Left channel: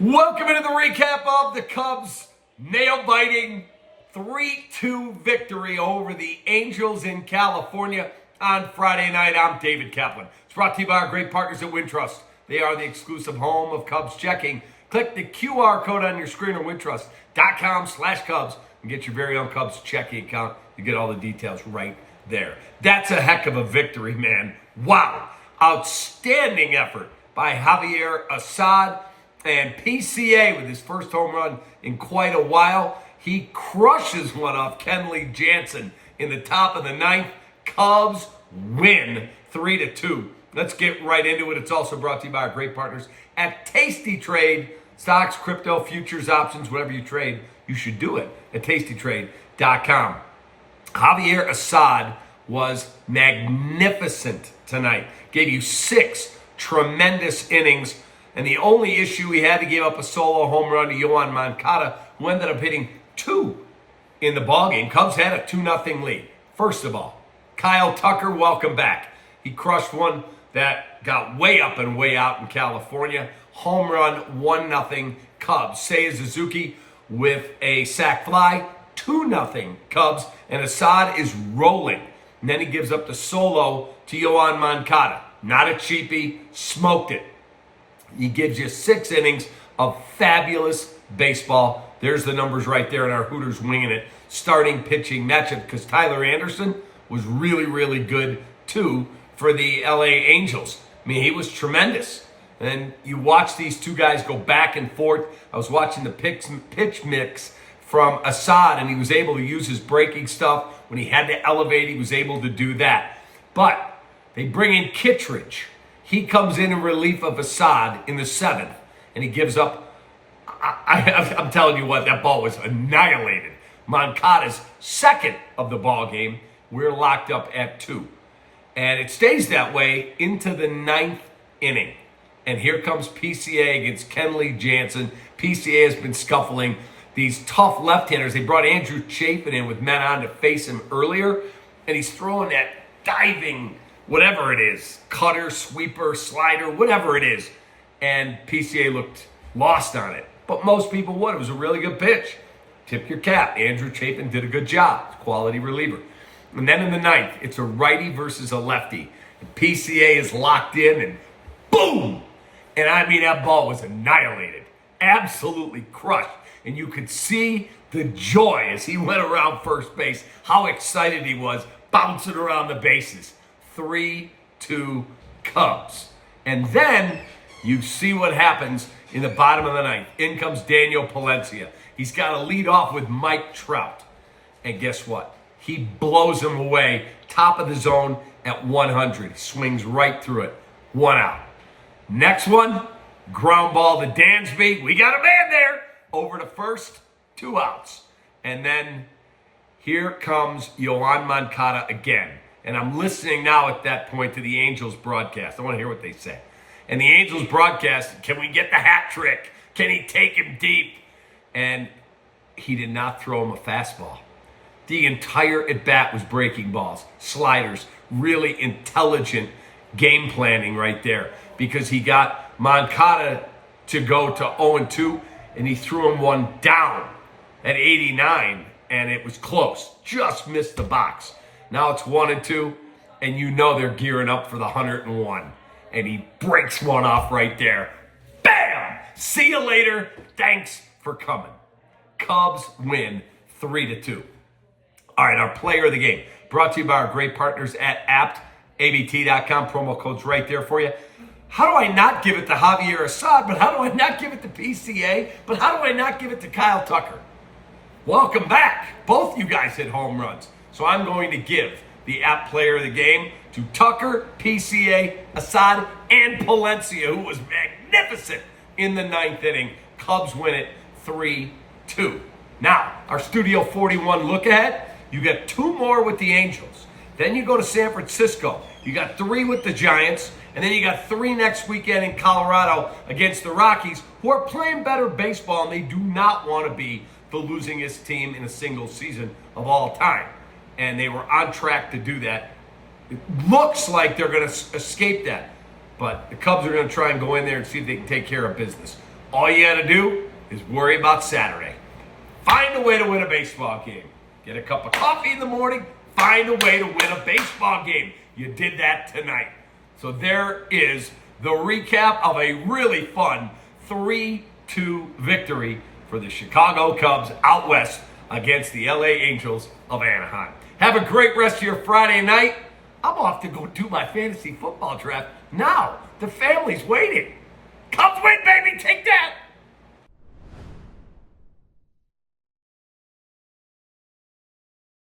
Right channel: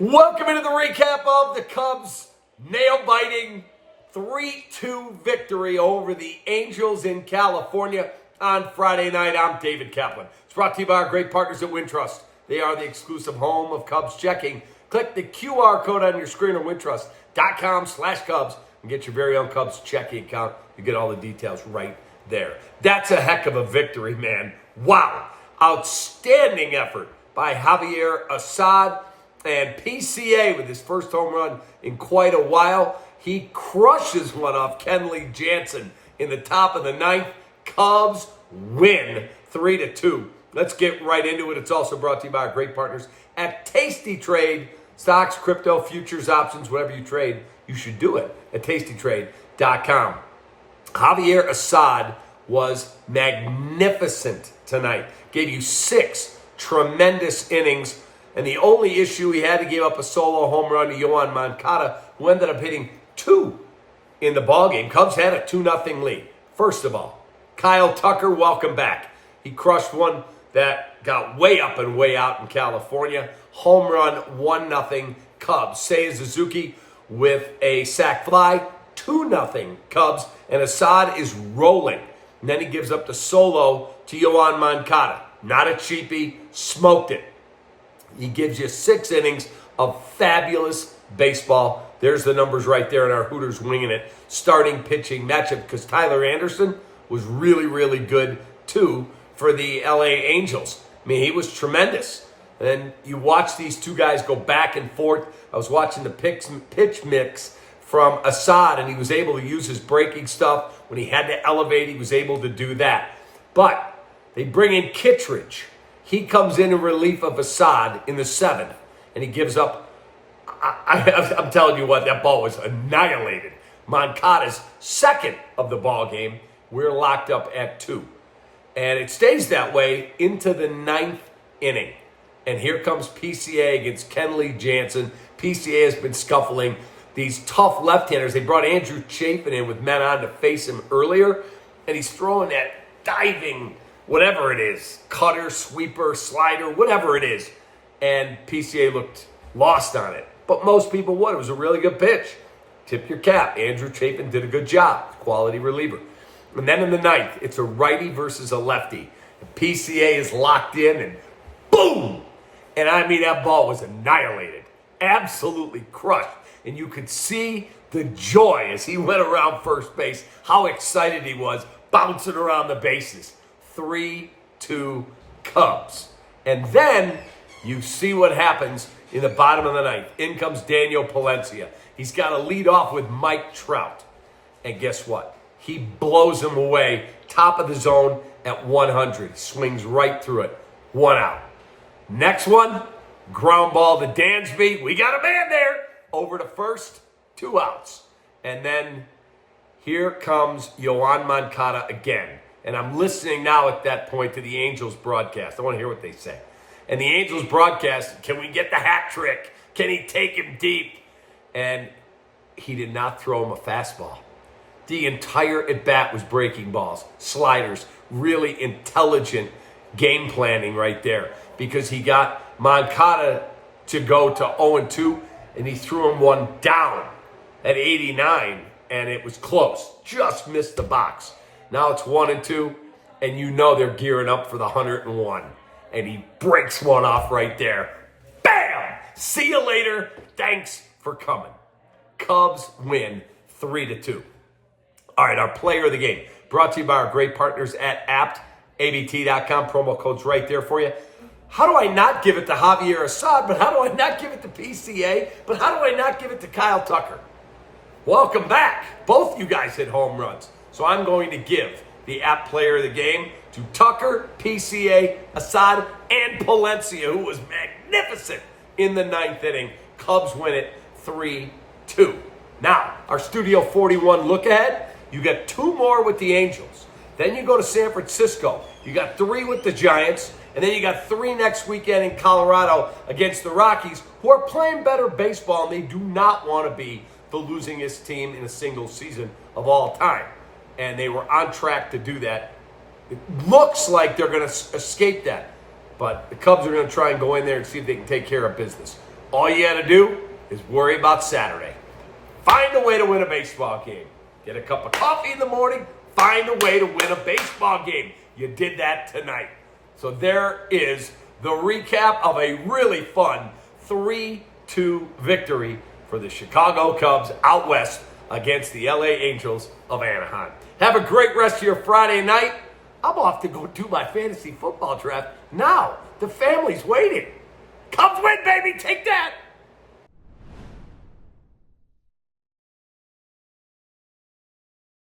Welcome into the recap of the Cubs' nail-biting 3-2 victory over the Angels in California on Friday night. I'm David Kaplan. It's brought to you by our great partners at Wintrust. They are the exclusive home of Cubs checking. Click the QR code on your screen or wintrust.com/Cubs and get your very own Cubs checking account. You get all the details right there. That's a heck of a victory, man. Wow. Outstanding effort by Javier Assad. And PCA with his first home run in quite a while. He crushes one off Kenley Jansen in the top of the ninth. Cubs win 3-2. Let's get right into it. It's also brought to you by our great partners at Tasty Trade. Stocks, crypto, futures, options, whatever you trade, you should do it at tastytrade.com. Javier Assad was magnificent tonight. Gave you 6 tremendous innings. And the only issue, he had to give up a solo home run to Yoan Moncada, who ended up hitting 2 in the ballgame. Cubs had a 2-0 lead. First of all, Kyle Tucker, welcome back. He crushed one that got way up and way out in California. Home run, 1-0 Cubs. Seiya Suzuki with a sac fly, 2-0 Cubs. And Assad is rolling. And then he gives up the solo to Yoan Moncada. Not a cheapie, smoked it. He gives you 6 innings of fabulous baseball. There's the numbers right there in our Hooters Winging It starting pitching matchup, because Tyler Anderson was really, really good too for the LA Angels. I mean, he was tremendous. And you watch these two guys go back and forth. I was watching the pitch mix from Assad, and he was able to use his breaking stuff. When he had to elevate, he was able to do that. But they bring in Kittredge. He comes in relief of Assad in the 7th, and he gives up. I'm telling you what, that ball was annihilated. Moncada's 2nd of the ball game. We're locked up at 2. And it stays that way into the 9th inning. And here comes PCA against Kenley Jansen. PCA has been scuffling these tough left-handers. They brought Andrew Chafin in with men on to face him earlier, and he's throwing that diving, whatever it is, cutter, sweeper, slider, whatever it is. And PCA looked lost on it. But most people would. It was a really good pitch. Tip your cap. Andrew Chapin did a good job. Quality reliever. And then in the 9th, it's a righty versus a lefty. And PCA is locked in, and boom! And I mean, that ball was annihilated. Absolutely crushed. And you could see the joy as he went around first base, how excited he was, bouncing around the bases. 3-2 Cubs. And then you see what happens in the bottom of the 9th. In comes Daniel Palencia. He's got to lead off with Mike Trout. And guess what? He blows him away, top of the zone at 100. Swings right through it. 1 out. Next one, ground ball to Dansby. We got a man there. Over to first, 2 outs. And then here comes Yoan Moncada again. And I'm listening now at that point to the Angels broadcast. I want to hear what they say. And the Angels broadcast, can we get the hat trick? Can he take him deep? And he did not throw him a fastball. The entire at-bat was breaking balls, sliders, really intelligent game planning right there. Because he got Moncada to go to 0-2, and he threw him one down at 89, and it was close. Just missed the box. Now it's 1-2, and you know they're gearing up for the 101. And he breaks one off right there. Bam! See you later. Thanks for coming. Cubs win 3-2. All right, our player of the game. Brought to you by our great partners at aptabt.com. Promo code's right there for you. How do I not give it to Javier Assad, but how do I not give it to PCA, but how do I not give it to Kyle Tucker? Welcome back. Both you guys hit home runs. So I'm going to give the app player of the game to Tucker, PCA, Assad, and Palencia, who was magnificent in the 9th inning. Cubs win it 3-2. Now, our Studio 41 look ahead. You got 2 more with the Angels. Then you go to San Francisco. You got 3 with the Giants. And then you got 3 next weekend in Colorado against the Rockies, who are playing better baseball, and they do not want to be the losingest team in a single season of all time. And they were on track to do that. It looks like they're going to escape that. But the Cubs are going to try and go in there and see if they can take care of business. All you got to do is worry about Saturday. Find a way to win a baseball game. Get a cup of coffee in the morning. Find a way to win a baseball game. You did that tonight. So there is the recap of a really fun 3-2 victory for the Chicago Cubs out west against the LA Angels of Anaheim. Have a great rest of your Friday night. I'm off to go do my fantasy football draft now. The family's waiting. Cubs win, baby. Take that.